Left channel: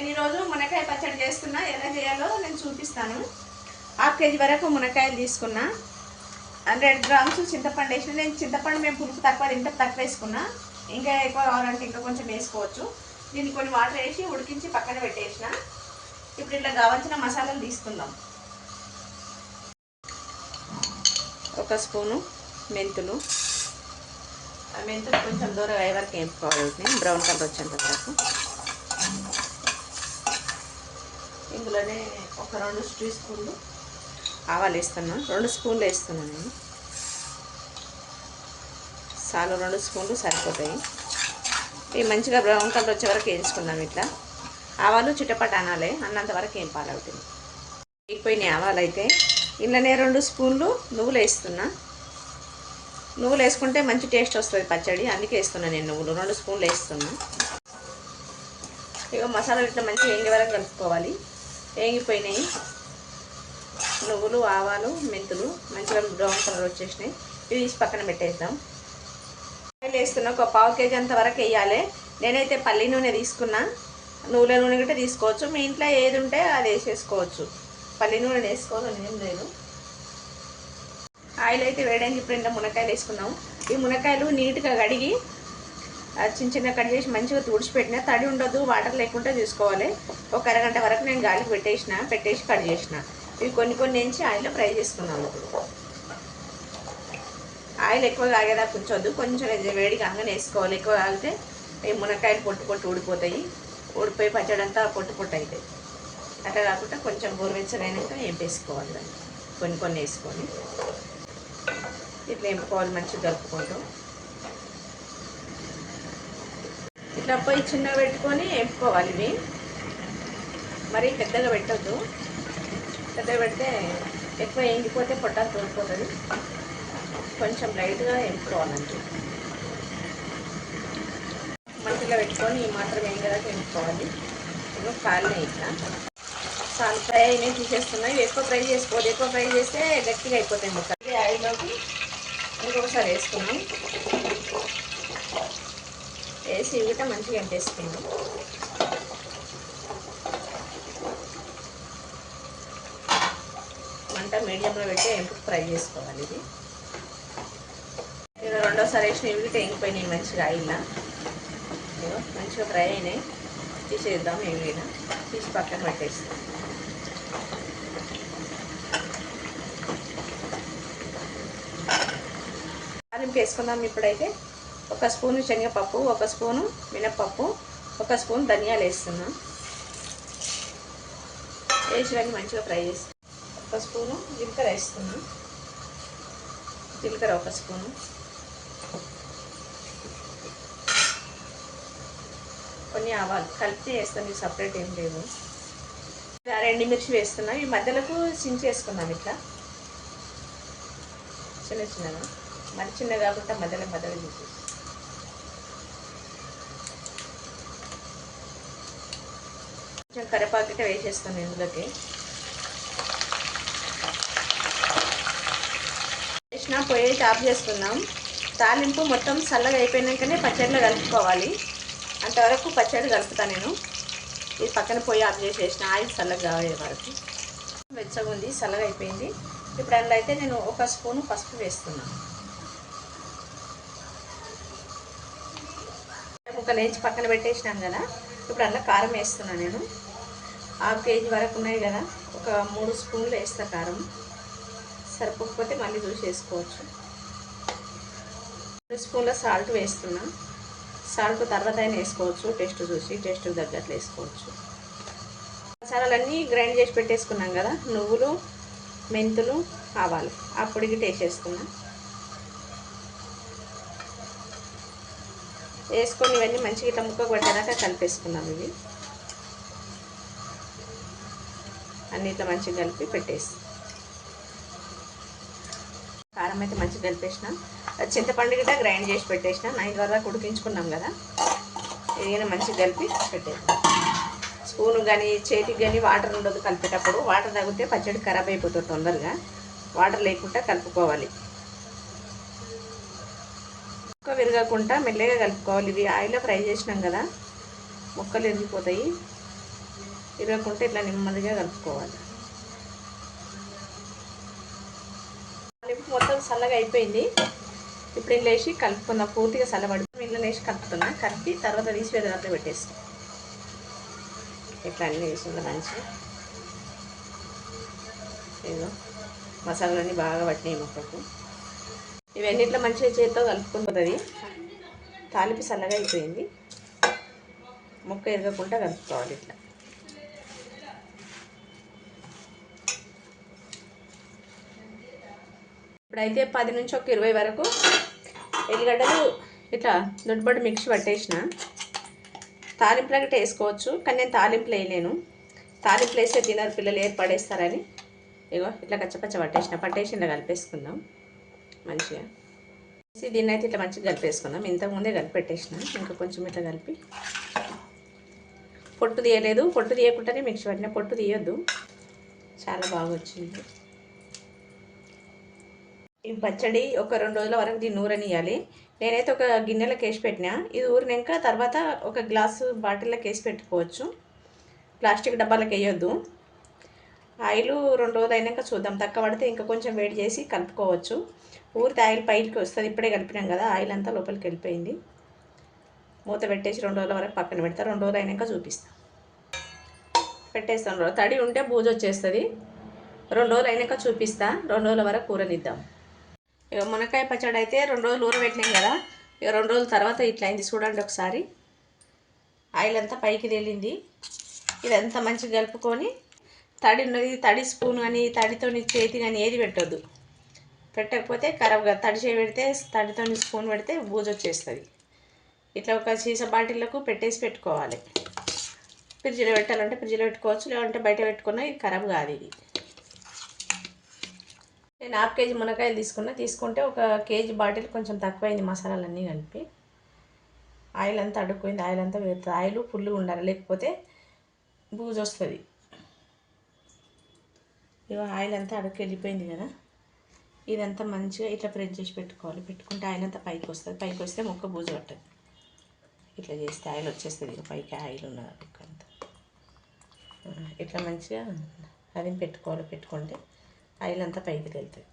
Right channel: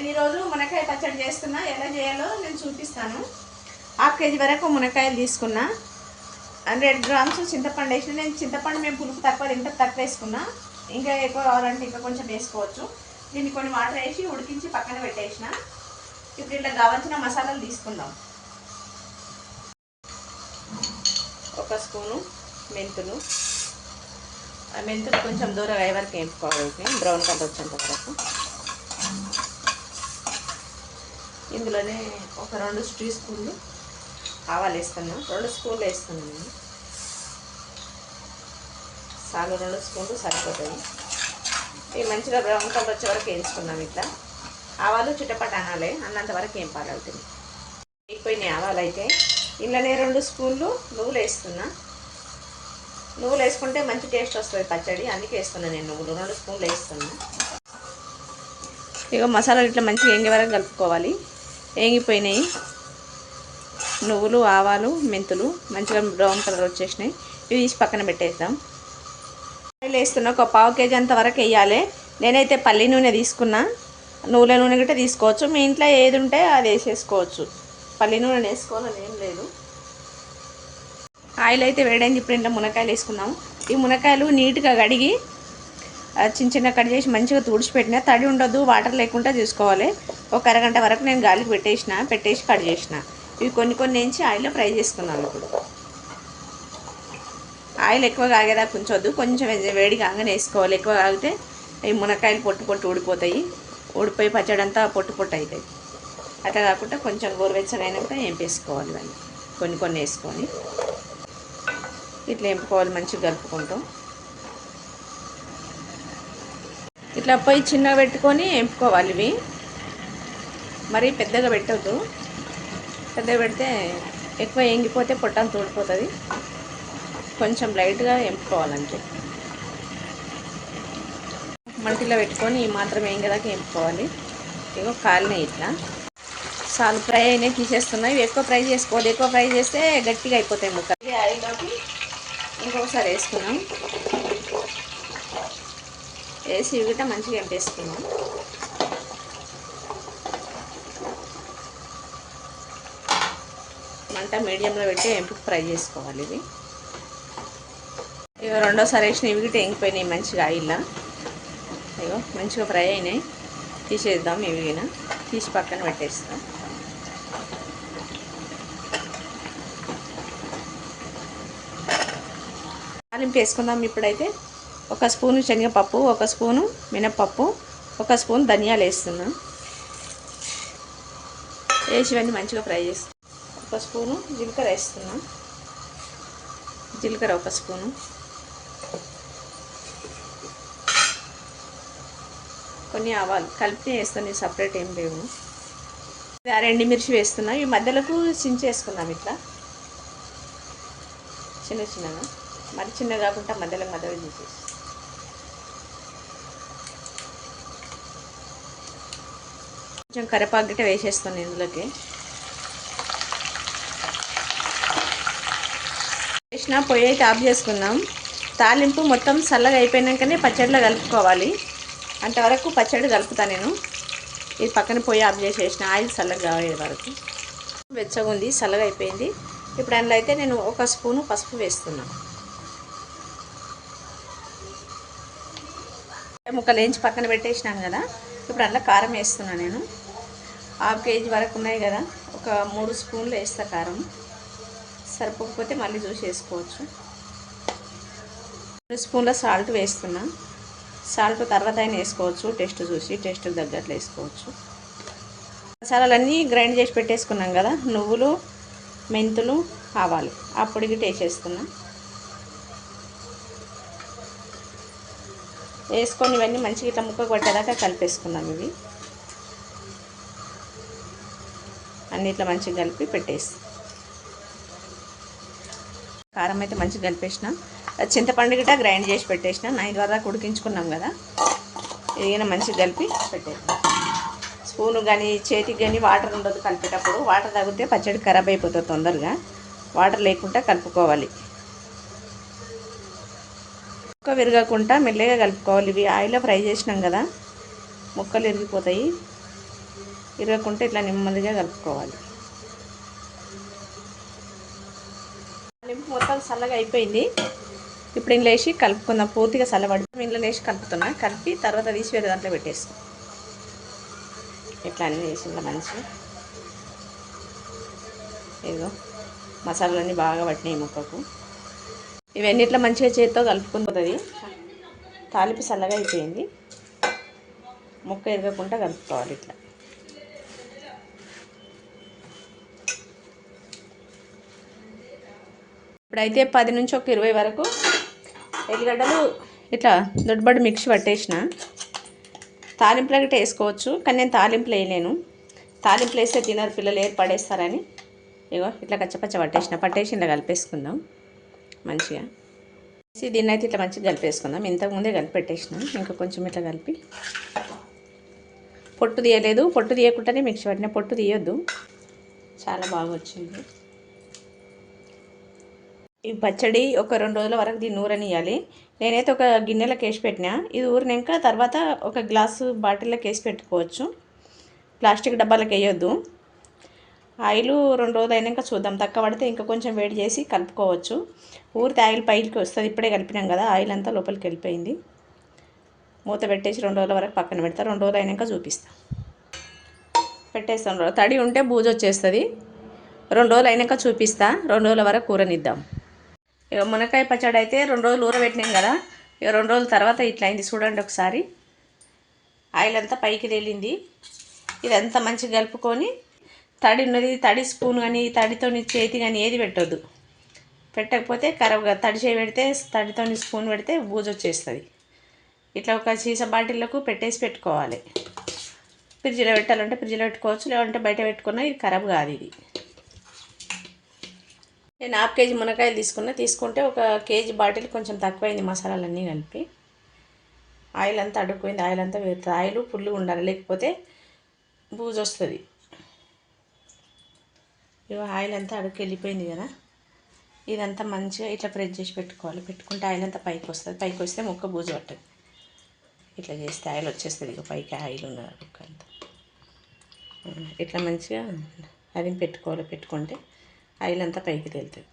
నేను ఈరోజు మునక్కాయ పచ్చడి చేస్తున్నా. ఎలా చేయాలో నేను చూపిస్తాను. 1/2 కేజీ వరకు మునక్కాయలు తీసుకున్నా. 100 గ్రామ్స్ చింతపండు వేసిన. నేను చింతపండు మేము పులుపు తక్కువ తింటే తక్కువ వేసుకున్నా. ఇంకా ఎక్కువ కావాలంటే ఇంకా కొంచెం వేసుకోవచ్చు. దీన్ని కొన్ని వాటర్ వేసి ఉడికించి పక్కన పెట్టేసిన. ఇప్పుడు ఇట్లా కావాల్సిన మసాలాలు తీసుకుందాం. 1 స్పూను మెంతులు. మెంతులు కొంచెం దూరం అయ్యే వరకు వేపుకోవాలి, బ్రౌన్ కలర్ వచ్చేంత వరకు. ఇందులోనే ఒక 2 టీ స్పూన్లు ఆవాలు వేస్తున్నా. 2 స్పూన్లు వేస్తున్నాను నేను. చాలు, 2 స్పూన్లు సరిపోతాయి. ఇవి మంచిగా బ్రౌన్ కలర్ వచ్చే వరకు వేయించుకున్నాం. ఇట్లా ఆవాలు చిటపట అనాలి, అన్నంత వరకు ఏం పాలవుతుంది. వేగిపోయినాయి ఆవాలు. అయితే ఇందులోనే 2 స్పూన్లు నువ్వులు వేస్తున్నా. నువ్వులు వేసుకుంటే మంచి టేస్ట్ వస్తుంది పచ్చడి, అందుకే వేస్తున్నాను నేను నువ్వులు. 2 స్పూన్లు వేస్తున్నా. ఇక మసాలాలు ఇట్లా మంచిగా వేగే వరకు కలుపుకోవాలి. వేగిపోయినాయి నువ్వులు, ఆవాలు, మెంతులు మంచిగా బ్రౌన్ కలర్ వచ్చేసినాయి. ఇవి తీసి పక్కన పెట్టేద్దాం. ఆయిల్ వేస్తున్నా. ఒక 1/2 కేజీ అంత వరకు వేయాలి. నేనైతే పల్లి నూనె తీసుకున్నా. నువ్వుల నూనె గట్రా తీసుకోవచ్చు, మీ ఇంట్లో ఏది ఉంటే అది వేసేసుకోవచ్చు. పల్లి నూనె వేసుకోవాలని ఏం లేదు. ఆయిల్ అయితే వేయడానికి ఇప్పుడు ఇంట్లో మునక్కాయలు వేసుకున్నాము. ఈ మునక్కాయలు నీట్గా కడిగి చిన్న కట్ చేసి మంచిగా తుడిచిపెట్టిన. తడి ఉండొద్దు, వాటర్ లేకుండా చూసుకోవాలి. ఒక అరగంట వరకు నేను గాలికి పెట్టేసి కట్ చేసిన. ఇవి కొన్ని వేయించి ఆయిల్లో ఫ్రై చేసుకున్నాను. ఇప్పుడు ఆయిల్ ఎక్కువ కాగేదాకా ఉంచొద్దు, కొంచెం వేడి కాగానే వేసుకోవాలి. ఎక్కువ కాగితే ఈ మునక్కాయలు పొట్టు ఊడిపోతాయి. ఊడిపోయి పచ్చడి అంతా పొట్టు అవుతాయి. అట్లా కాకుండా కొంచెం గోరువెచ్చగా అయినాక వేసుకోవాలి. దాన్ని కొన్ని వేసుకొని ఇట్లా వేపుకోవాలి. మంచిగా కలుపుకుంటాం. ఇట్లా పొయ్యి చిన్నగా పెట్టుకొని వేపుకోవాలి. ఇవి మరీ పెద్దగా పెట్టద్దు. పెద్దగా పెడితే ఎక్కువ ఎంగిపోతే పొట్టంతా తోడిపోతుంది. కొంచెం లైట్గా వేపుకోవాలంటే మంటలో పెట్టుకొని మాత్రం వేగదాకా వేపుకోవాలి. ఇగో కాలిని ఇట్లా చాలు ఫ్రై అయినాయి, తీసేస్తున్నాయి. ఇవి ఎక్కువ ఫ్రై చేసుకోవద్దు. ఎక్కువ ఫ్రై చేస్తే గట్టిగా అయిపోతాయి ముక్కలు. ఆయిల్లోకి ఇంకొకసారి వేసుకున్నాం. వేసి ఇవి కూడా మంచిగా ఎంపేసుకున్నాం. మంట మీడియంలో పెట్టి ఎంపుకు ఫ్రై చేసుకోవాలి. ఇది ఇక రెండోసారి వేసిన ఇవి కూడా ఎంగిపోయినాయి మంచిగా ఆయిల్లో. ఇగో మంచిగా ఫ్రై అయినాయి. తీసేద్దాం. ఇవినా తీసి పక్కన పెట్టేస్తాం. తాలింపు వేసుకుందాం. ఇప్పుడైతే 1 స్పూను శనగపప్పు, 1 స్పూను మినప్పప్పు, 1 స్పూన్ ధనియాలు వేస్తున్నాం. వేసి ఇవన్నీ మంచిగా ఫ్రై చేస్తాం. 1 స్పూను జీలకర్ర వేస్తున్నాం. జీలకర్ర 1 స్పూను, కొన్ని ఆవాలు కలిపి వేస్తాను. సపరేట్ ఏం లేవు. 2 ఎండుమిర్చి వేస్తున్నాం. ఈ మధ్యలోకి చించేసుకున్నాం. ఇట్లా చిన్నగా, మరి చిన్న కాకుండా మధ్యలో తీసేసి కొంచెం కరివేపాకు గిట్ట వేసేస్తాను ఇందులోకి. వేసిన పొయ్యి అయితే ఆఫ్ చేసుకుందాం. తాలింపు మొత్తం చల్లగా అయిపోయినాకనే పచ్చడిలో కలుపుకోవాలి. అంతవరకు పచ్చడి కలుపుతాను నేను. ఇది పక్కన పొయ్యి ఆఫ్ చేసేసిన. ఆయిల్ చల్లగా కాగే వరకు. వెచ్చగా ఉంది, చల్లగా అయిపోయింది. ఇప్పుడు అందులో అయితే నేను 1 స్పూను పసుపు వేస్తున్నాను. ముక్కలు వేయించి పక్కన పెట్టేసినాను కదా. ఇప్పుడు అందులో కారం వేస్తున్నాను నేను. 1/2 కేజీ వరకు ఉన్నాయి కదా, ఒక 3 స్పూన్లు వేస్తా కారం. సరిపోకపోతే మళ్ళీ చూసి వేసుకోవచ్చు. 2 స్పూన్ల సాల్ట్ వేస్తున్నా. సాల్ట్ తర్వాత అయినా వేసుకోవచ్చు, టేస్ట్ చూసి టేస్ట్ తగ్గట్లు వేసుకోవచ్చు. మసాలాలన్నీ గ్రైండ్ చేసి పెట్టేసుకున్నాం కదా, నువ్వులు, మెంతులు, ఆవాలు ఆ పొడికి వేసేసుకున్నాం. వేసుకొని ఇవన్నీ మంచిగా ఇట్లా ముక్క కొట్టేదాకా కలిపేసుకున్నాం. ఇవి అన్నీ ఇట్లా మంచిగా కలిపి పెట్టేసి కారం అయితే మంచిగా కలిపేసినాం. చింతపండు గిట్ట గ్రైండ్ చేసి పెట్టేసినాం. 9 వరకు ఉడికించుకున్నాం కదా. ఇది మంచిగా కలిపి పెట్టేస్తాం. స్పూను కానీ చేతికి కానీ వాటర్ ఉండదు కలిపేటప్పుడు. వాటర్ తగ్గితే పచ్చడి ఖరాబ్ అయిపోతుంది తొందరగా. వాటర్ లేకుండా కలుపుకోవాలి. ముక్క విరగకుండా మెల్లగా కలుపుకోవాలి. ఇవి ఆయిల్లో ఫ్రై చేసినాం కదా, ముక్కలు విరిగిపోతాయి. ఇరగకుంటే ఇట్లా నెమ్మదిగా కలుపుకోవాలి. తాలింపు మొత్తం చల్లగా అయిపోయింది. ఇప్పుడు ఇందులో వేసి కలుపుకుందాం. పూర్తిగా చల్లబడి ఇందులో వేసి కలుపుతున్నా. కలిపి తర్వాత తీసి వేరే దాంట్లో పెట్టేస్తాం. ఇట్లా అన్నీ వేసి ఇంకా మంచిగా ఏదో మసాలాలన్నీ బాగా పట్టినాయి ముక్కకు. ఇవన్నీ ఇట్లా మంచిగా చేతితో కలుపుకుంటుంది. తాలింపు చల్లగా అయిపోయింది. ముక్క ఎరగకుండా కలుపుకోవాలి ఇట్లా. ఇప్పుడైతే 10 నుంచి ఒక 20 వరకు ఎల్లిగడ్డలు ఇట్లా దొడ్బడి మిక్సీ పట్టేసిన. తాలింపులకి వేసుకోవచ్చు, కానీ నేను తాలింపులు వేయలేను. తాలింపులు వేస్తే తినరు పిల్లలు, ఏర్పడేస్తారని ఇగో ఇట్లా కచ్చపచ్చ పట్టేసి ఇలా కలిపేసుకుందాం మంచిగా. దీన్ని అయితే ఇట్లా మంచిగా కలిపేసుకుందాం. ఇంతకుముందే కలిపి పెట్టేసిన, ఇంకా కొంచెం ఇట్లా కలిపి. పొట్టు తీయలేదు, పొట్టు తీయకుండానే మిక్సీ పట్టిన. పొట్టు తీయొద్దు. చాలా బాగా వచ్చింది ఈ పచ్చడి. ఒక 2 రోజుల వరకు దీన్ని ఊరనియాలి. నేనైతే ఒక గిన్నెలోకి వేసి పెట్టినా. ఇది ఊరినాక తర్వాత ఒక గ్లాసు బాటిల్లోకి వేసి పెట్టుకోవచ్చు. ప్లాస్టిక్ డబ్బాలకు వేయొద్దు. ఆయిల్ 2 రోజులు అయినాక చూద్దాం. తక్కువ పడితే ఇంకా కొంచెం వేడి చేసి కలుపుకోవచ్చు. ఊరితే ఆయిల్ పైకి వస్తుంది. ఇప్పుడే కలిపినాం కదా, ఆయిల్ అంతా లోపలికి వెళ్ళిపోయింది. మూత పెట్టేసి 2 రోజుల వరకు పక్కన పెడతా. 2 రోజులు అయినాక చూపిస్తాను. పెట్టేస్తాను. తడి ఉంటే బూజు వచ్చేస్తుంది. 2 రోజులు అయినాక చూపిస్తా. 2 రోజుల వరకు కూరనిద్దాం. ఇక మునక్కాయ పచ్చడి అయితే 2 రోజులు ఊరబెట్టినాం కదా. ఇక 2 రోజుల తర్వాత ఇట్లా అయింది. చూడండి ఒకసారి. ఆయిల్ అంతా పైకి తేలింది. ఇదంతా మంచిగా కలుపుకొని తడి ఉన్నది, తడి స్పూన్ కానీ తడితో చేతి కానీ ఏది పెట్టొద్దు. పెట్టకపోతే ఖరాబ్గా. తడి చేయి పెడితే, తడితో స్పూన్ పెడితే బూజు వచ్చేస్తుంది. ఇట్లా ఒక సీసా బాటిల్లకు పెట్టేసి పెట్టుకోవాలి. ఫ్రిడ్జ్లో పెట్టాలంటే ఫ్రిడ్జ్లో పెట్టుకోవచ్చు, లేదంటే బయట పెట్టుకున్నా ఇది ఖరాబ్ కాదు. ఇది నేను 1/2 కేజీ మునక్కాయలు తీసుకుంటే ఒక కేజీ బాటిల్ కొంచెం తక్కువైంది. మసాలాలన్నీ కలిపి ఆయిల్ అంతా అడుక్కుపోయింది. ఆయిల్ అంతా వేరుతుంది. ఆయిల్ ఫుల్గా ఉండాలి, లేకపోతే బూజు వస్తుంది. ఆయిల్ అంతా అడుక్కి వెళ్ళిపోయింది కదా. ఇదంతా మంచిగా ఇట్లా ప్రెస్ చేసి పెట్టుకోవాలి. పెట్టుకుంటే ఆయిల్ అంతా పైకి వస్తుంది. పైకి వస్తే ముక్క బూజు పట్టదు. ఇట్లా చేస్తే ఆయిల్ వచ్చేస్తుంది. ఇక పైకి ఆయిల్ ఉన్నది ముక్క అంతా. ఇట్లా మంచిగా అది పెట్టుకోవాలి. పెట్టుకుంటే ఆయిల్ అంతా పైకి తేలుతుంది.